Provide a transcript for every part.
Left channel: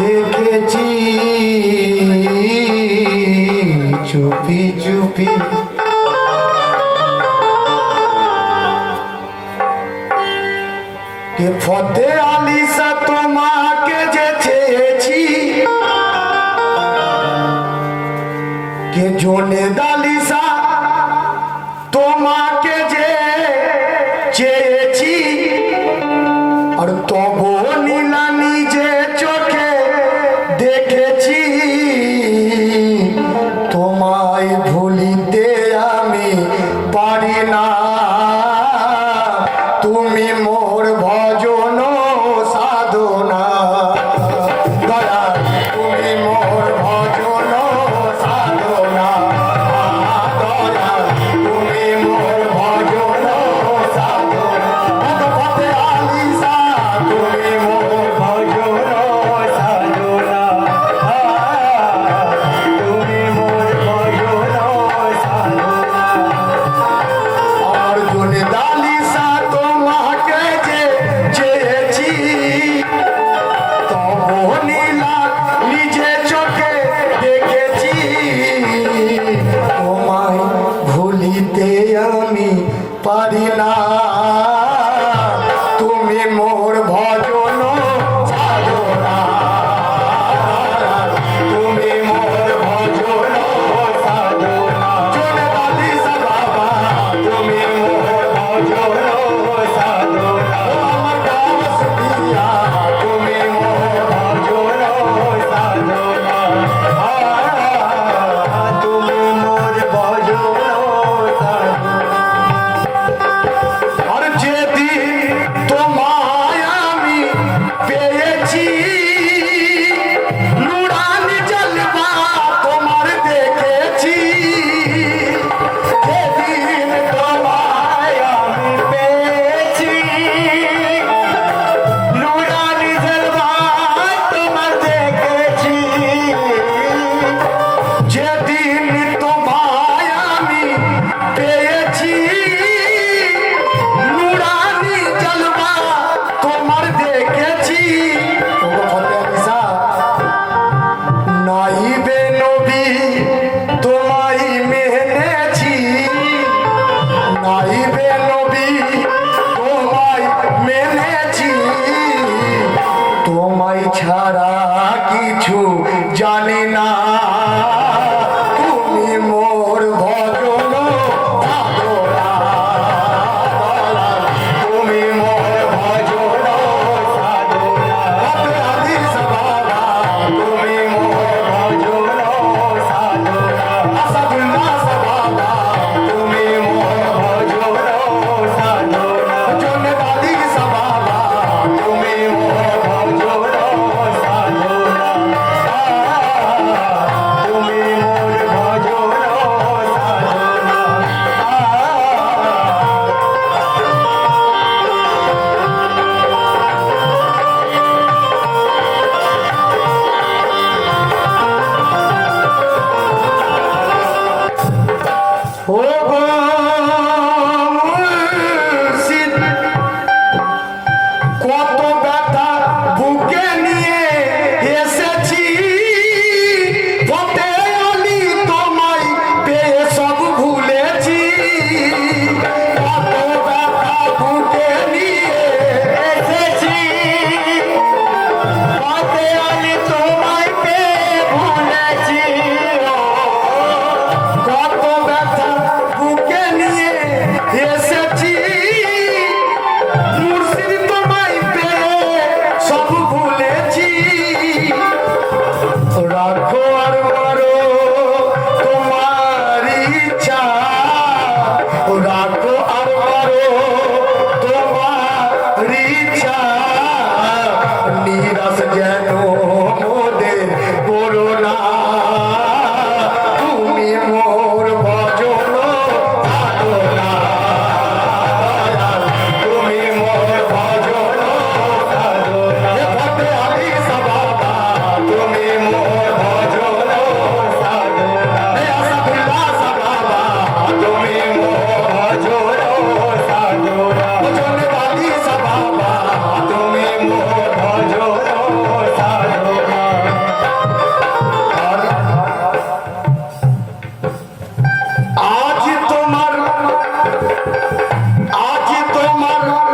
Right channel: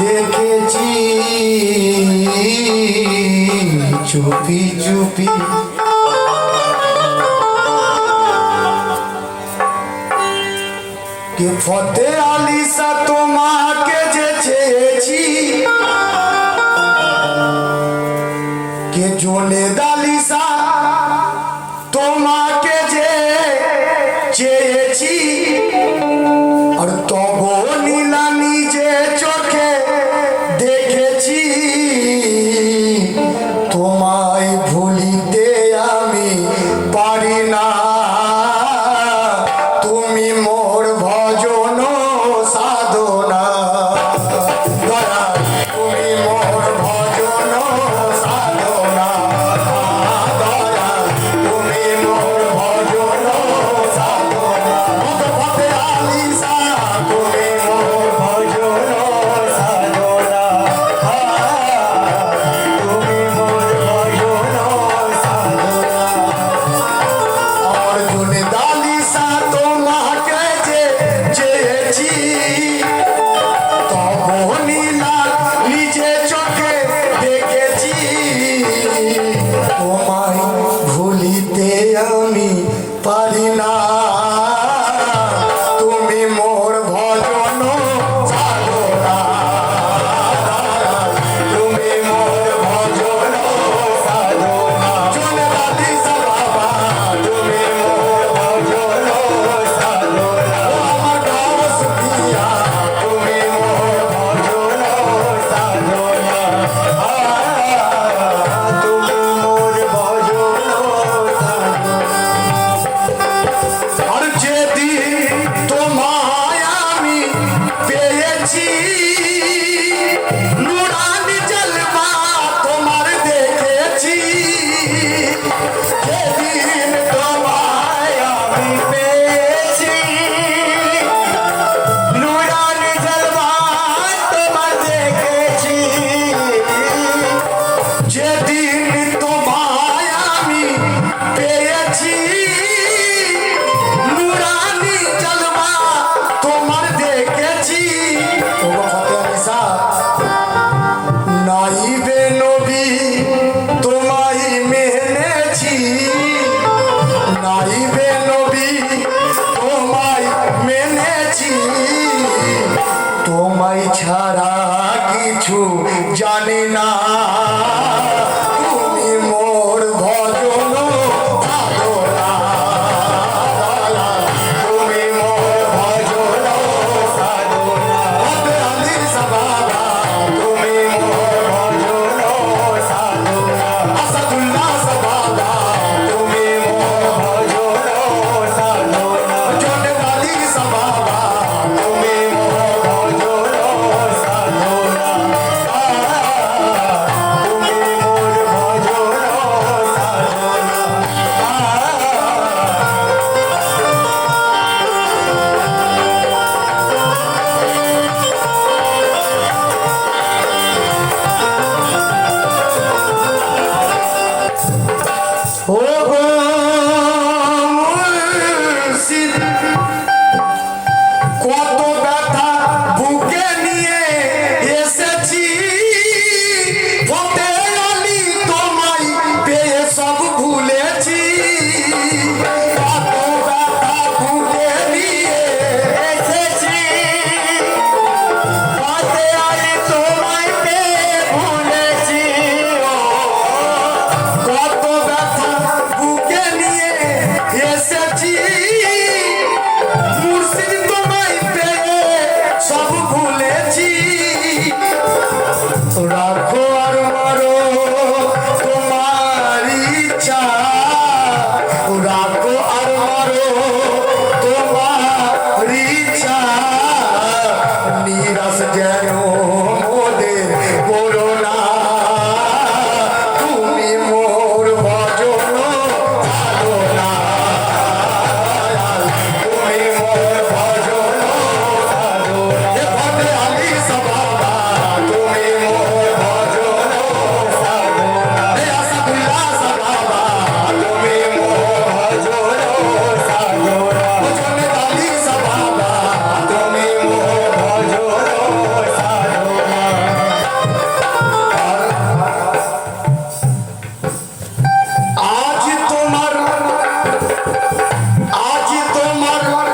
দেখেছি। চুপি চুপি। কে ফতে আলিসা তোমাকে যে চেয়েছি? কে জোনে দালিসা তোমাকে যে Yeah. তোমায় ছাড়া কিছু জানে না। mulher. আজ তোমার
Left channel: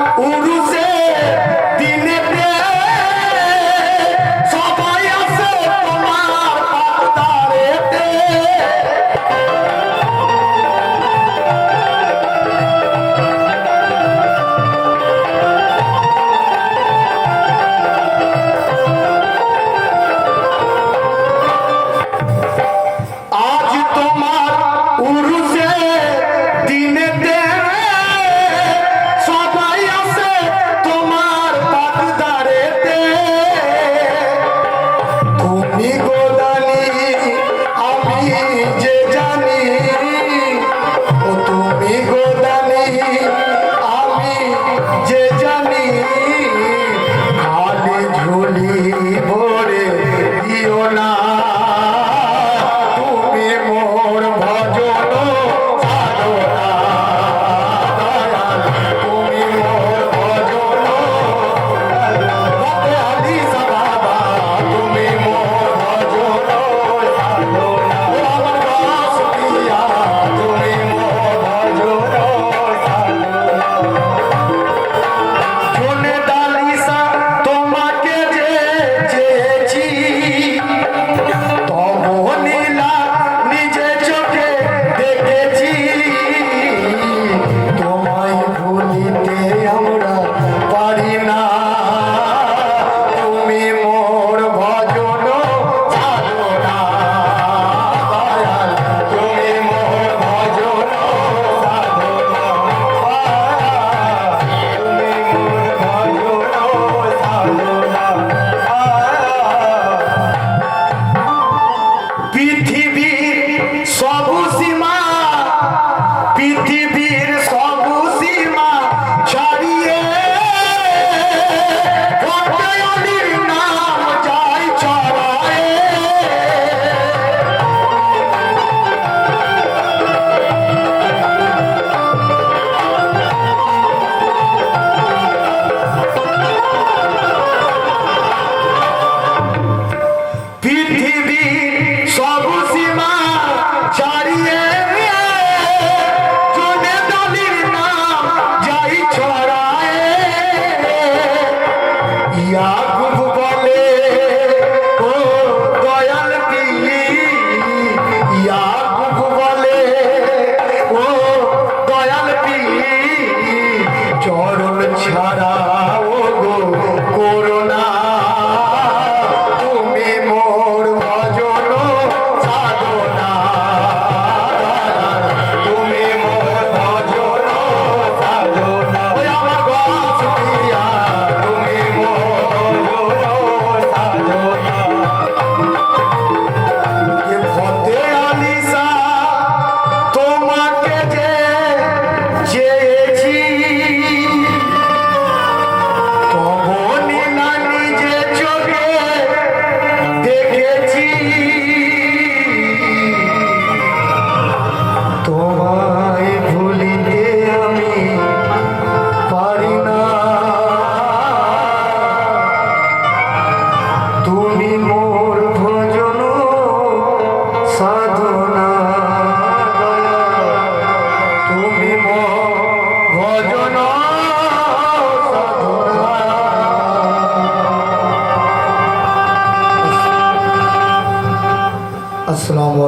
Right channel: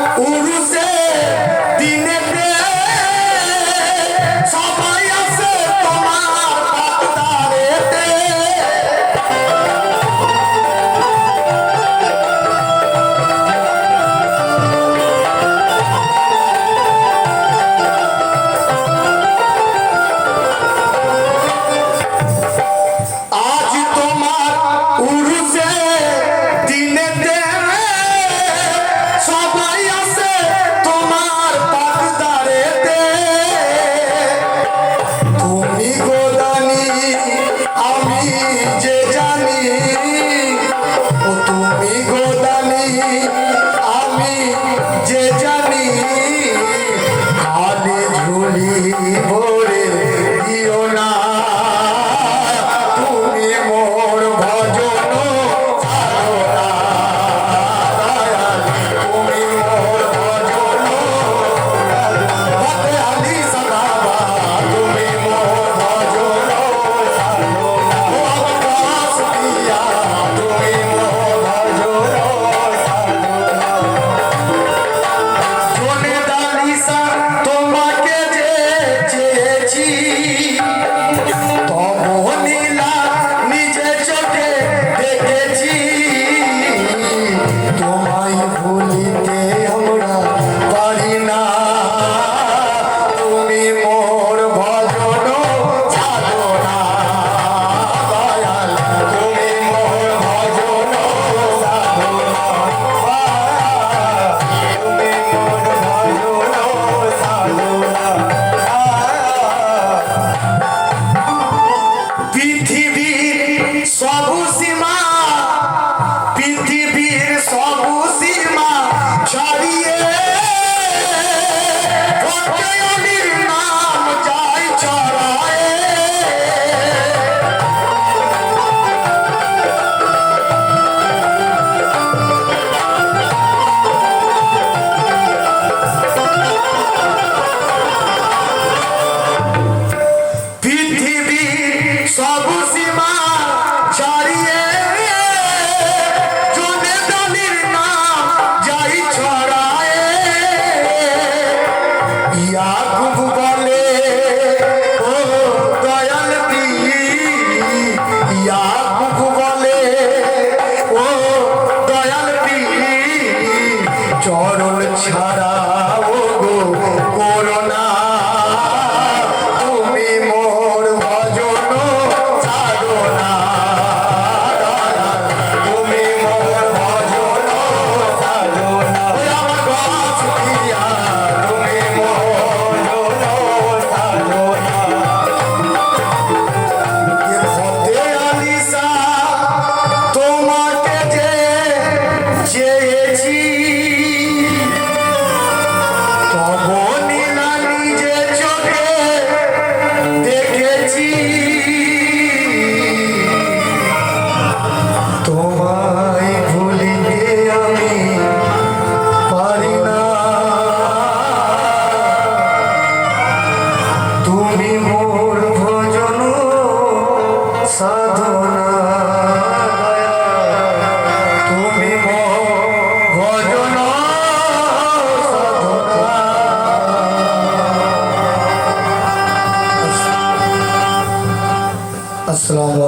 ছাড়িয়ে